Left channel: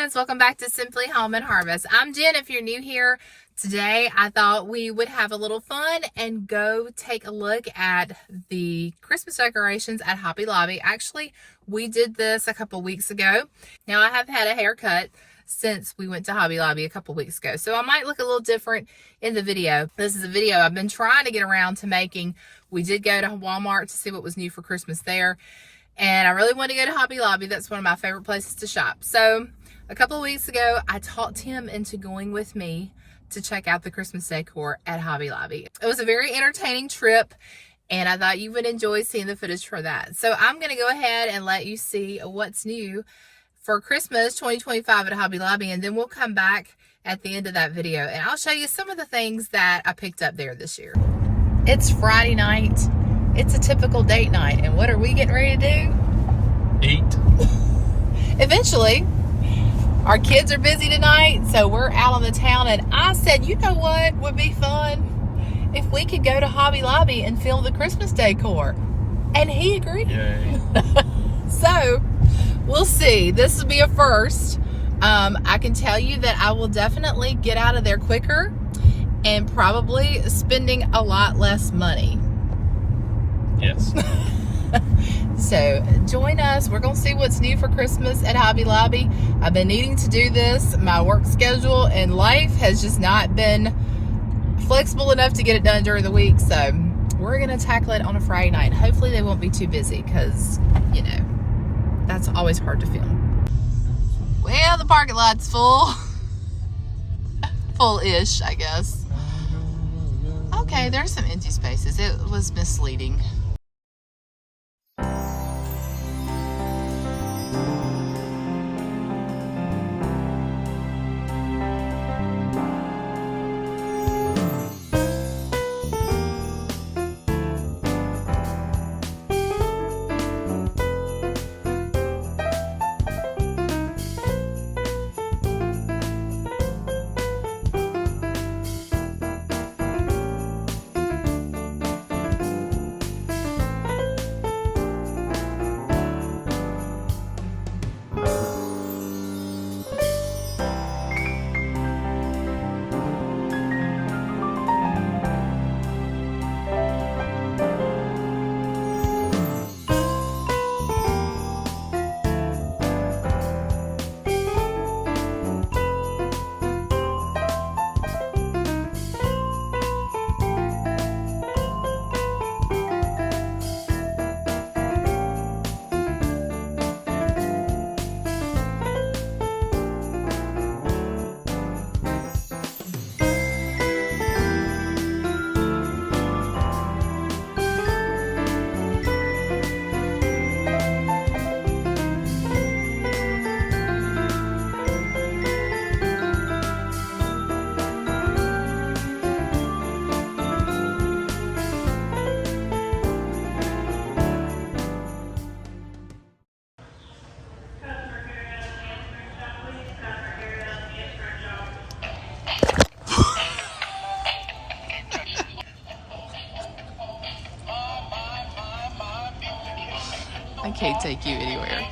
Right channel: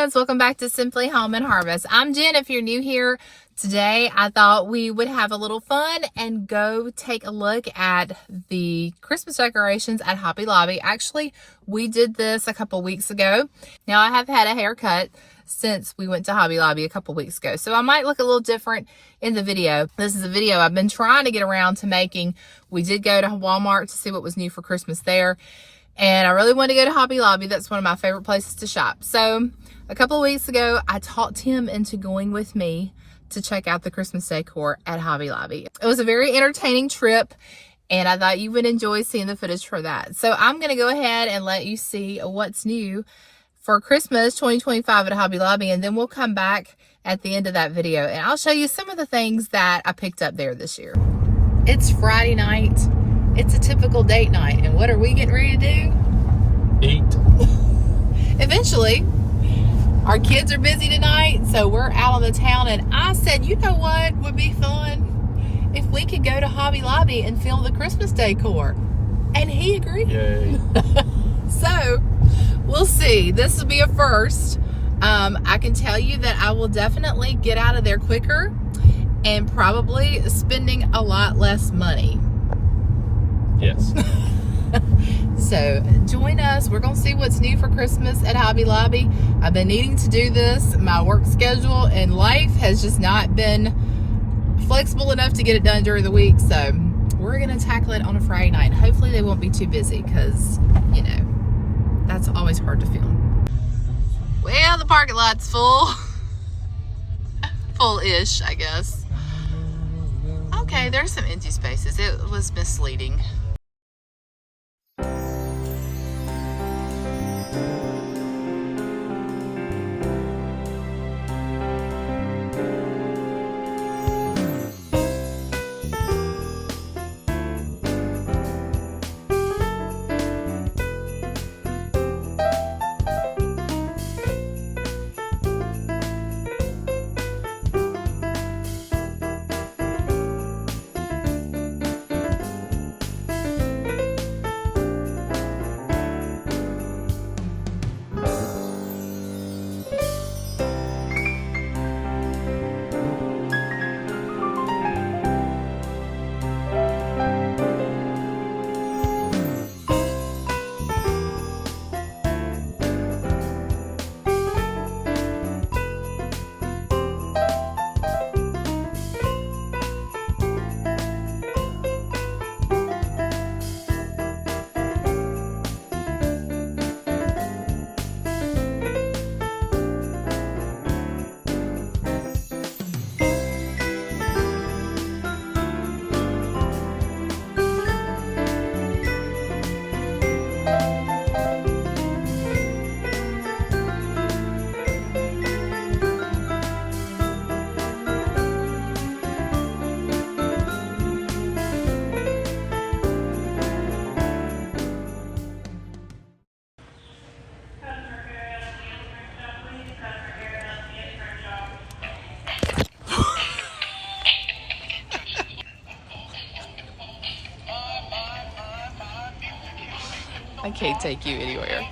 friends, welcome back to Simply Home and Harvest. I'm Jen. If you're new here today, I thought we would have a little fun and go take a look at the Christmas decorations at Hobby Lobby. Actually, we did this a couple weeks ago. Now I have had a haircut since we went to Hobby Lobby a couple weeks ago, so I might look a little different in the video. This is a video I've been trying to get around to making. We did go to Walmart to see what was new for Christmas there. And I really want to go to Hobby Lobby. That's one of my favorite places to shop. So a couple of weeks ago, I talked him into going with me to check out the Christmas decor at Hobby Lobby. It was a very entertaining trip, and I thought you would enjoy seeing the footage for that. So I'm going to go ahead and let you see what's new for Christmas 2025 at Hobby Lobby, and then we'll come back at the end of that video, and I'll show you some of the things that I picked up there this year. It's Friday night. It's a typical date night, and what are we getting ready to do? Eat. Eventually. Our kids are busy tonight, so we're out on the town, and I said, you know what would be fun? If we could go to Hobby Lobby and film the Christmas decor. And he agreed. Yay. So, we'll see. This will be a first. I can tell you that I will definitely get out of there quicker and probably spending a lot less money. Yes. So join us. We're going to see what's new for Christmas at Hobby Lobby. I've been needing to do this. My work schedule and life has just not been flexible enough to get it done during the week. So we're going to tackle it on a Friday night. Hopefully they won't be too busy because, you know, that's always hard to film. Well, the parking lot's full. Full-ish, I guess. Okay, there's some empty spaces. It was misleading. I can't take you anywhere.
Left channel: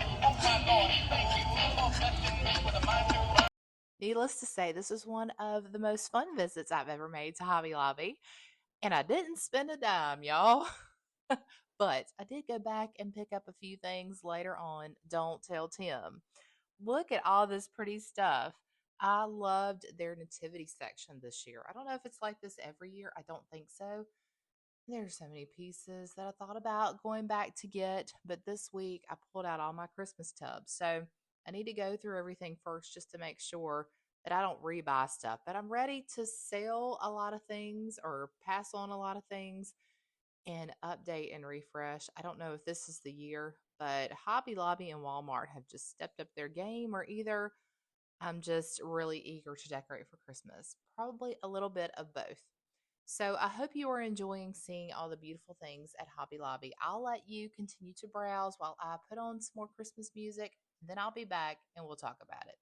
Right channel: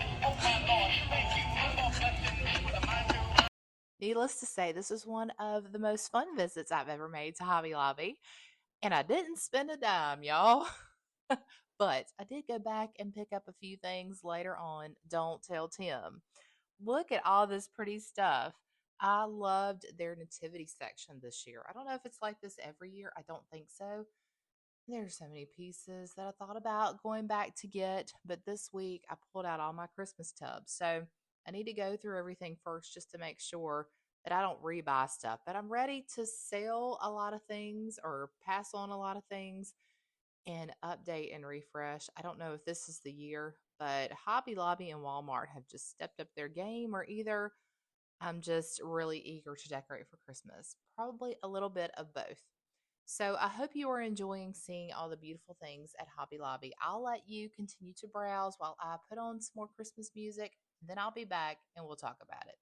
Needless to say, this is one of the most fun visits I've ever made to Hobby Lobby. And I didn't spend a dime, y'all. But I did go back and pick up a few things later on. Don't tell Tim. Look at all this pretty stuff. I loved their nativity section this year. I don't know if it's like this every year. I don't think so. There's so many pieces that I thought about going back to get, but this week I pulled out all my Christmas tubs. So I need to go through everything first just to make sure that I don't rebuy stuff. But I'm ready to sell a lot of things or pass on a lot of things and update and refresh. I don't know if this is the year, but Hobby Lobby and Walmart have just stepped up their game, or either I'm just really eager to decorate for Christmas. Probably a little bit of both. So I hope you are enjoying seeing all the beautiful things at Hobby Lobby. I'll let you continue to browse while I put on some more Christmas music, and then I'll be back and we'll talk about it.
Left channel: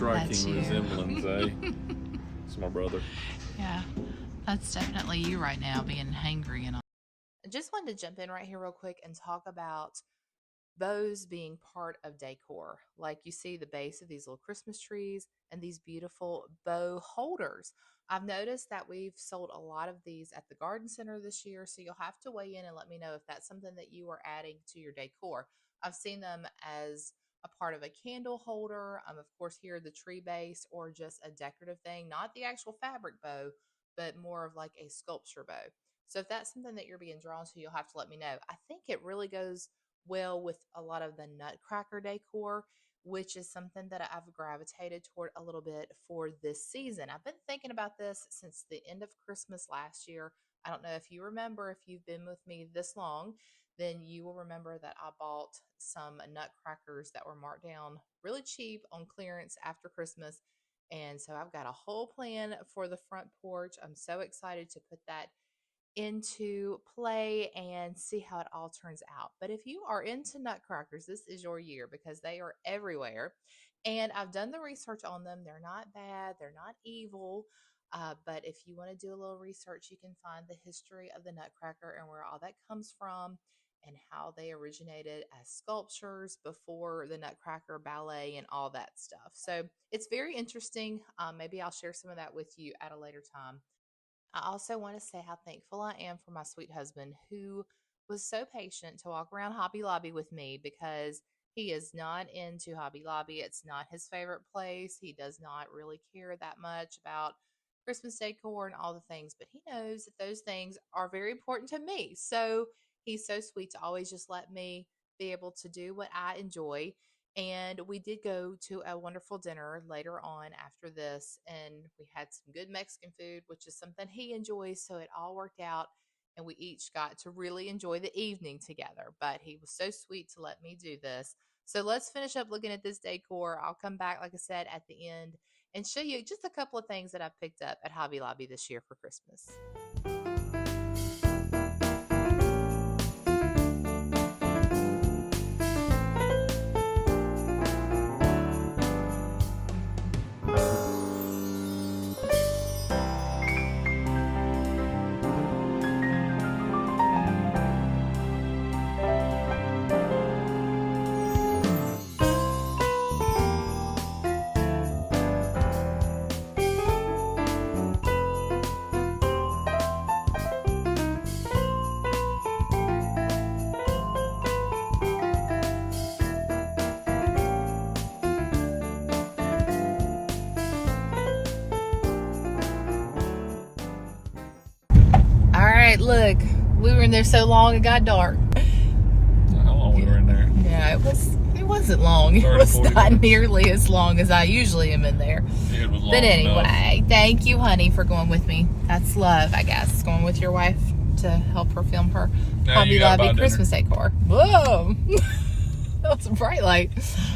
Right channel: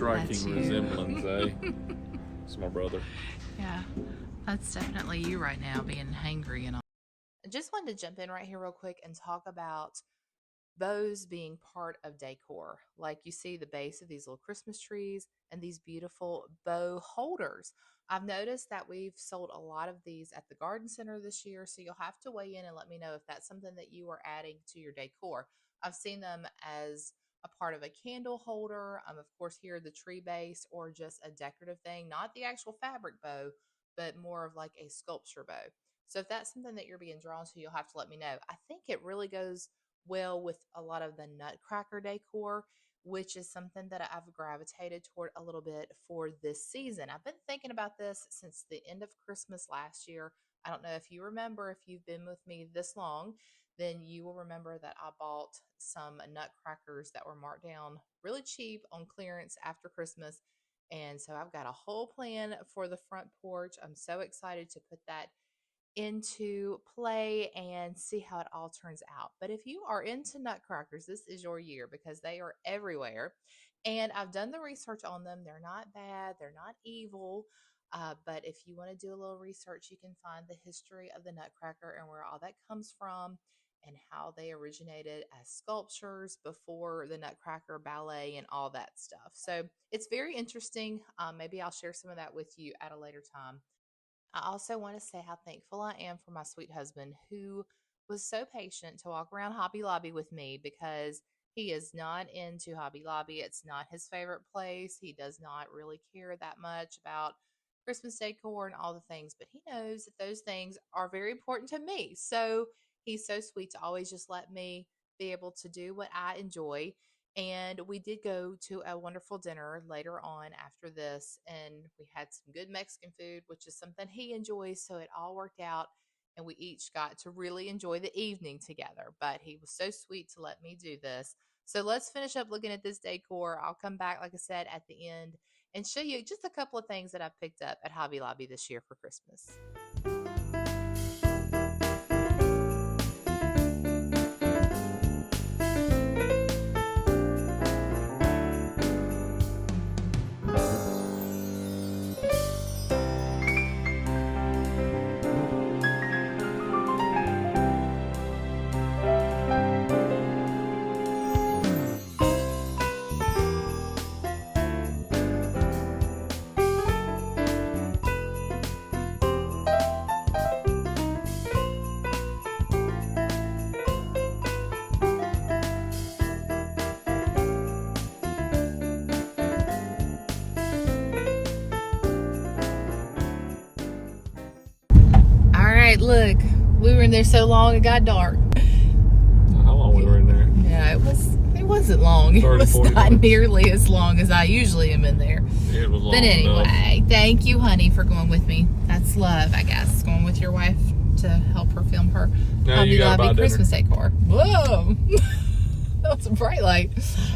striking you. resemblance, eh? It's my brother. Yeah, that's definitely you right now, being hangry and all. I just wanted to jump in right here real quick and talk about bows being part of decor. Like you see the base of these little Christmas trees and these beautiful bow holders. I've noticed that we've sold a lot of these at the garden center this year, so you'll have to weigh in and let me know if that's something that you are adding to your decor. I've seen them as a part of a candle holder, of course here the tree base, or just a decorative thing, not the actual fabric bow, but more of like a sculpture bow. So if that's something that you're being drawn to, you'll have to let me know. I think it really goes well with a lot of the nutcracker decor, which is something that I've gravitated toward a little bit for this season. I've been thinking about this since the end of Christmas last year. I don't know if you remember, if you've been with me this long, then you will remember that I bought some nutcrackers that were marked down really cheap on clearance after Christmas. And so I've got a whole plan for the front porch. I'm so excited to put that into play and see how it all turns out. But if you are into nutcrackers, this is your year because they are everywhere. And I've done the research on them. They're not bad, they're not evil. But if you want to do a little research, you can find the history of the nutcracker and where all that comes from and how they originated as sculptures before the Nutcracker Ballet and all that stuff. So it's very interesting. Maybe I'll share some of that with you at a later time. I also want to say how thankful I am for my sweet husband who was so patient to walk around Hobby Lobby with me because he is not into Hobby Lobby. It's not his favorite place. He does not really care that much about Christmas decor and all the things, but he knows that those things are very important to me. So he's so sweet to always just let me be able to do what I enjoy. And we did go to a wonderful dinner later on after this, and we had some good Mexican food, which is something he enjoys. So it all worked out, and we each got to really enjoy the evening together. But he was so sweet to let me do this. So let's finish up looking at this decor. I'll come back, like I said, at the end and show you just a couple of things that I picked up at Hobby Lobby this year for Christmas. All right, look, we were in there so long it got dark. How long we were in there? Yeah, it wasn't long. It 30, was 40 not minutes. nearly as long as I usually am in there. It was long But anyway, enough. thank you, honey, for going with me. That's love, I guess. Going with your wife to help her film her Now Hobby you gotta buy Lobby dinner. Christmas decor. Whoa. That was a bright light.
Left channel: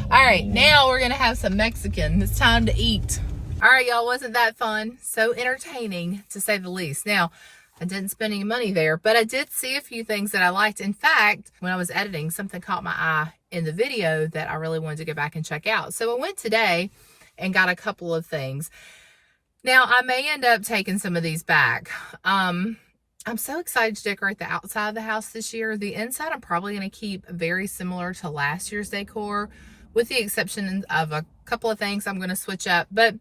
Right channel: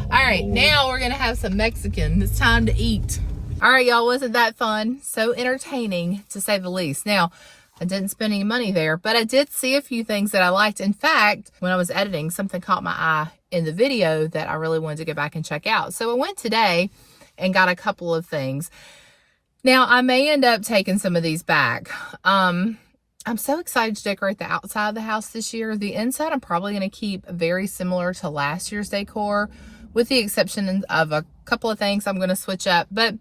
All right, now we're going to have some Mexican. It's time to eat. All right, y'all, wasn't that fun? So entertaining, to say the least. Now, I didn't spend any money there, but I did see a few things that I liked. In fact, when I was editing, something caught my eye in the video that I really wanted to go back and check out. So I went today and got a couple of things. Now, I may end up taking some of these back. I'm so excited to decorate the outside of the house this year. The inside, I'm probably going to keep very similar to last year's decor, with the exception of a couple of things I'm going to switch up. But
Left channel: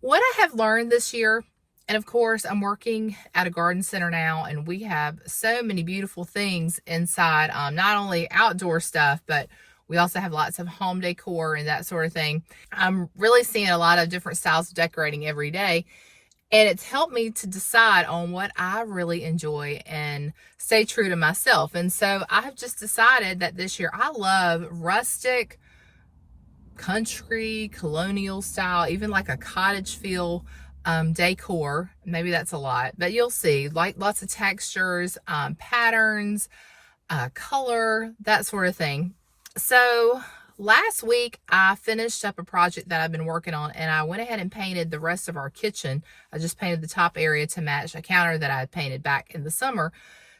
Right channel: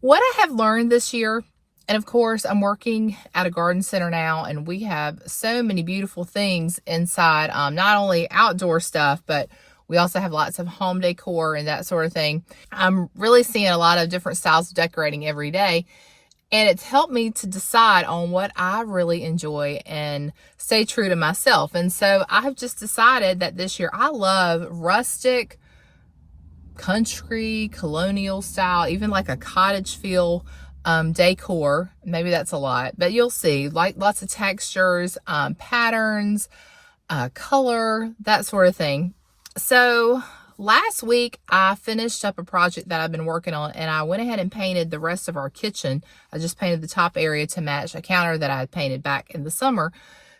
what I have learned this year, and of course, I'm working at a garden center now, and we have so many beautiful things inside, not only outdoor stuff, but we also have lots of home decor and that sort of thing. I'm really seeing a lot of different styles of decorating every day. And it's helped me to decide on what I really enjoy and stay true to myself. And so I've just decided that this year I love rustic, country, colonial style, even like a cottage feel decor. Maybe that's a lot, but you'll see, like lots of textures, patterns, color, that sort of thing. So last week, I finished up a project that I've been working on, and I went ahead and painted the rest of our kitchen. I just painted the top area to match a counter that I had painted back in the summer.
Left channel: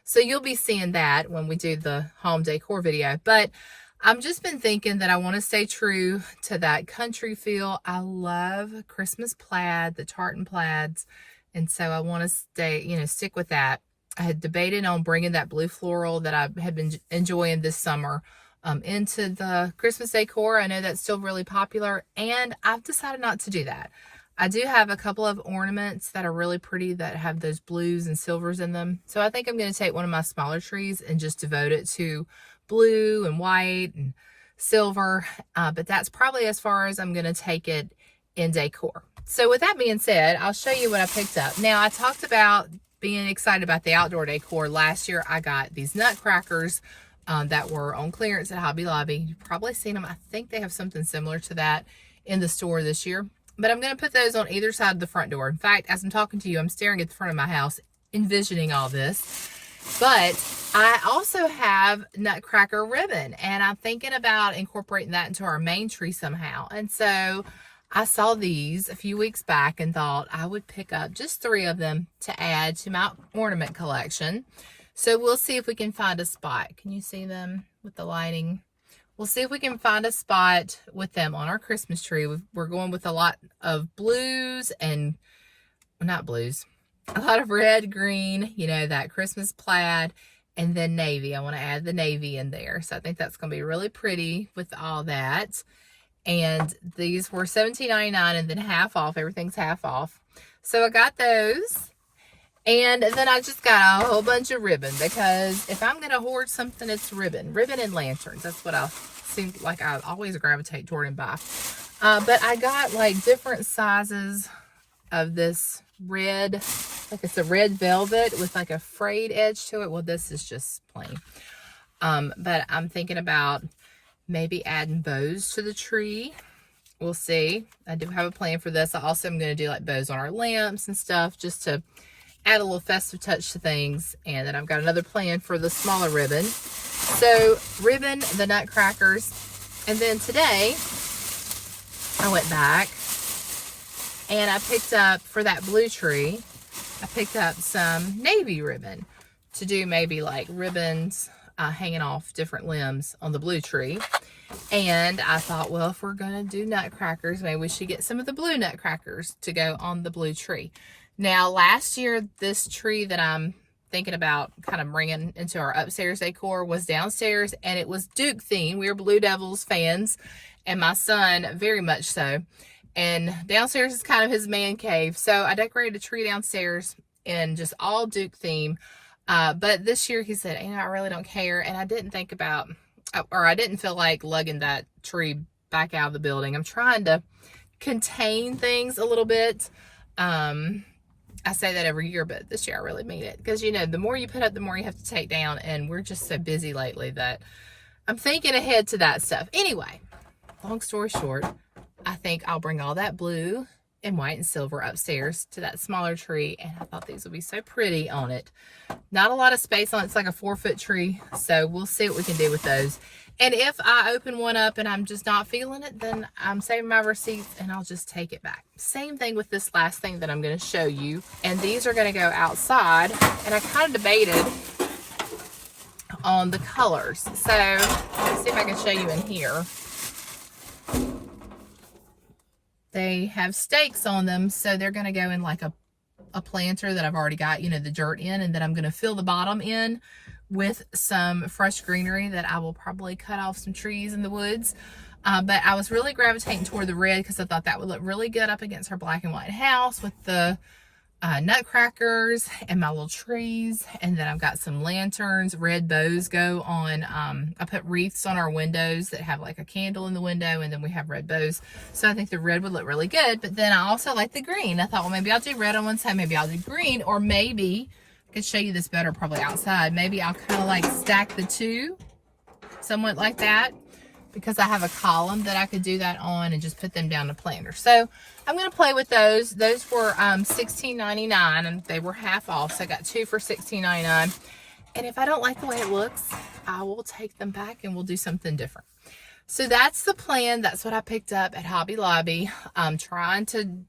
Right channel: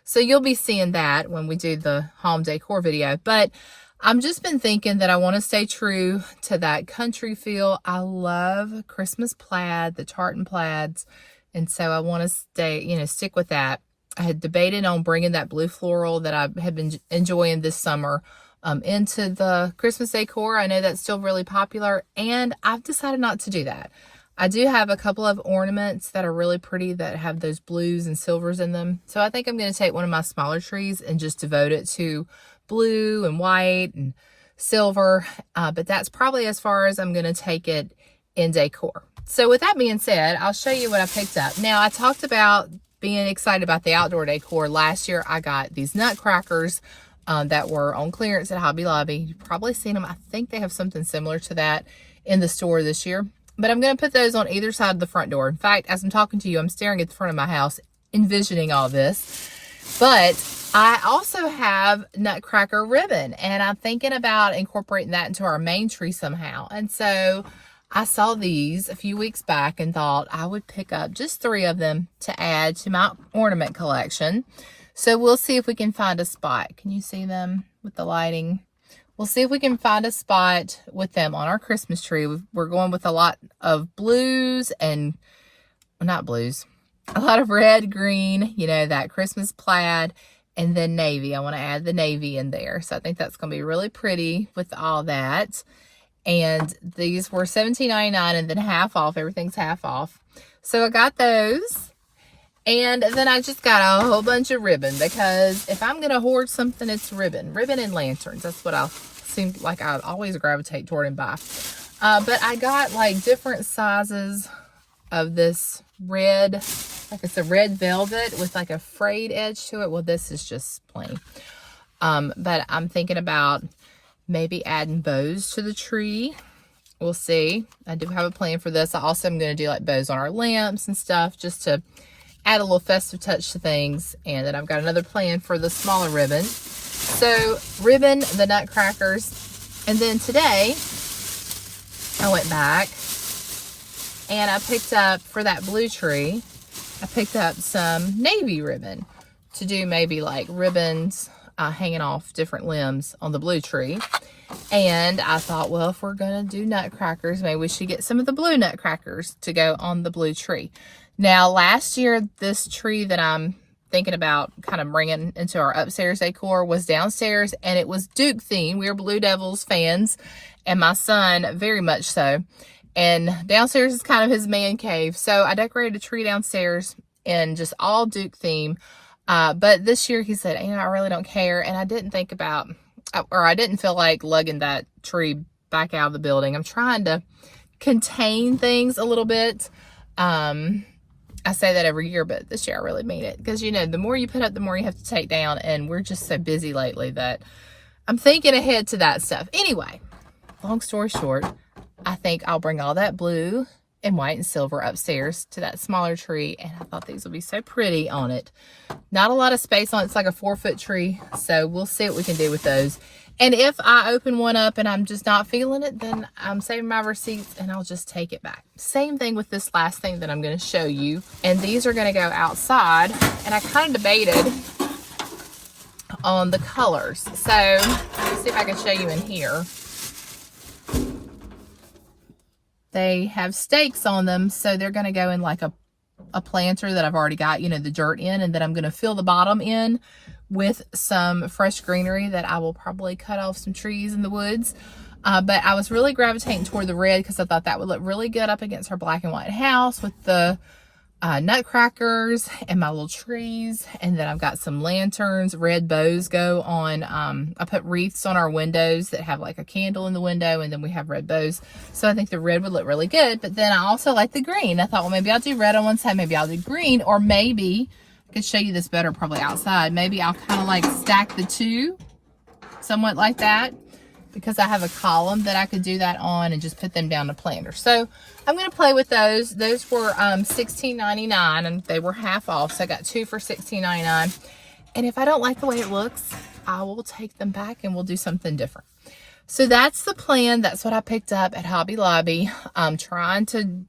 So you'll be seeing that when we do the home decor video. But I've just been thinking that I want to stay true to that country feel. I love Christmas plaid, the tartan plaids, and so I want to stay, stick with that. I had debated on bringing that blue floral that I had been enjoying this summer into the Christmas decor. I know that's still really popular, and I've decided not to do that. I do have a couple of ornaments that are really pretty that have those blues and silvers in them. So I think I'm going to take one of my smaller trees and just devote it to blue and white and silver. But that's probably as far as I'm going to take it in decor. So with that being said, I'll show you what I picked up. Now, I talked about being excited about the outdoor decor. Last year, I got these nutcrackers that were on clearance at Hobby Lobby. You've probably seen them. I think they have something similar to that in the store this year. But I'm going to put those on either side of the front door. In fact, as I'm talking to you, I'm staring at the front of my house, envisioning all this. But I also have nutcracker ribbon, and I'm thinking about incorporating that into our main tree somehow. And so I saw these a few weeks back and thought I would pick up just 3 of them to add to my ornament collection. So we'll see if we can find a spot. Can you see them with the lighting? We'll see if we can find a spot with them on our Christmas tree. We're going with a lot of blues and, well, not blues, a lot of red, green, that Christmas plaid, and then navy. I want to add the navy in there. So I think that's going to be really pretty with all that. And these were $17.99 and then half off. Everything's half off. So I got those. And then I just got a whole bunch of ribbon, because if I'm going to hoard something, it's ribbon. Ribbon and lanterns. That's what I seem like I always gravitate toward and buy. But I got like different sizes of this red, like it's a red velvet with like a frayed edge to it. Well, this is just plain. But I'm thinking about maybe adding bows to the tree. We'll see. I do have a plan for this. I also am going to do like bows on our lamps and stuff, just to add a little festive touch to things. And then I've got another plan for the smaller ribbon. So ribbon, the nutcrackers, and then today I went back and I picked up, for that blue tree, I picked up some navy ribbon to do maybe like ribbons hanging off different limbs on the blue tree. And I thought, well, if we're going to do nutcrackers, maybe we should get some of the blue nutcrackers to go on the blue tree. Now, last year, this tree that I'm thinking about kind of bringing into our upstairs decor was downstairs, and it was Duke themed. We are Blue Devils fans, and my son very much so. And downstairs is kind of his man cave. So I decorated a tree downstairs in just all Duke theme. But this year he said, I really don't care. And I didn't think about, or I didn't feel like lugging that tree back out of the building. I'm trying to contain things a little bit. I say that every year, but this year I really mean it. Because, the more you put up, the more you have to take down. And we're just so busy lately that I'm thinking ahead to that stuff. Anyway, long story short, I think I'll bring all that blue and white and silver upstairs to that smaller tree. And I thought these would be so pretty on it. Not a lot of space on it. It's like a 4-foot tree. So we'll see what we can do with those. And if I open one up and I'm just not feeling it, then I'm saving my receipts and I'll just take it back. Same thing with this last thing that I'm going to show you. And these are going to go outside. And I kind of debated on the colors. So let me see if I can show you in here. They have stakes on them, so they're going to go in like a planter that I've already got, the dirt in, and then I'm going to fill the bottom in with some fresh greenery that I will probably cut off some trees in the woods. But I was really gravitating toward the red because I thought that would look really good up against our black and white house with the nutcrackers and my little trees. And then I've got some lanterns. Red bows go on. I put wreaths on our windows that have like a candle in the window, and then we have red bows. So I think the red would look really good. But then I also like the green. I thought, well, maybe I'll do red on one side, maybe I'll do green, or maybe I could show you this better probably outside. Maybe I'll kind of like stack the two somewhat like that, because I have a column that I could do that on and just put them down to planter. So I'm going to play with those. Those were $16.99 and they were half off. So I got 2 for $16.99. And if I don't like the way it looks, I will take them back and we'll do something different. So that's the plan. That's what I picked up at Hobby Lobby. I'm trying to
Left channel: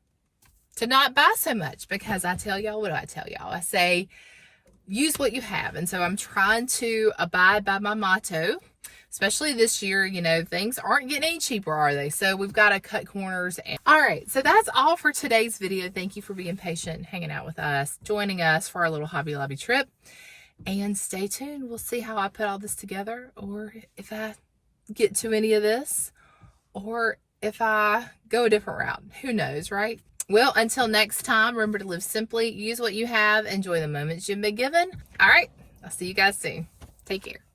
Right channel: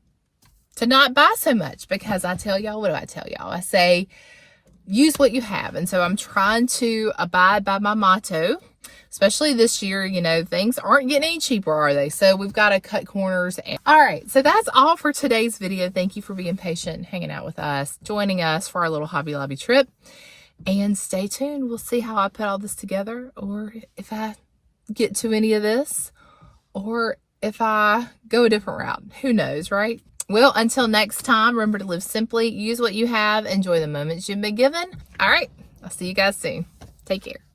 not buy so much, because I tell y'all, what do I tell y'all? I say, use what you have. And so I'm trying to abide by my motto. especially this year, you know, things aren't getting any cheaper, are they? So we've got to cut corners. All right, so that's all for today's video. Thank you for being patient and hanging out with us, joining us for our little Hobby Lobby trip. And stay tuned. We'll see how I put all this together, or if I get to any of this, or if I go a different route. Who knows, right? Well, until next time, remember to live simply, use what you have, enjoy the moments you've been given. All right, I'll see you guys soon. Take care.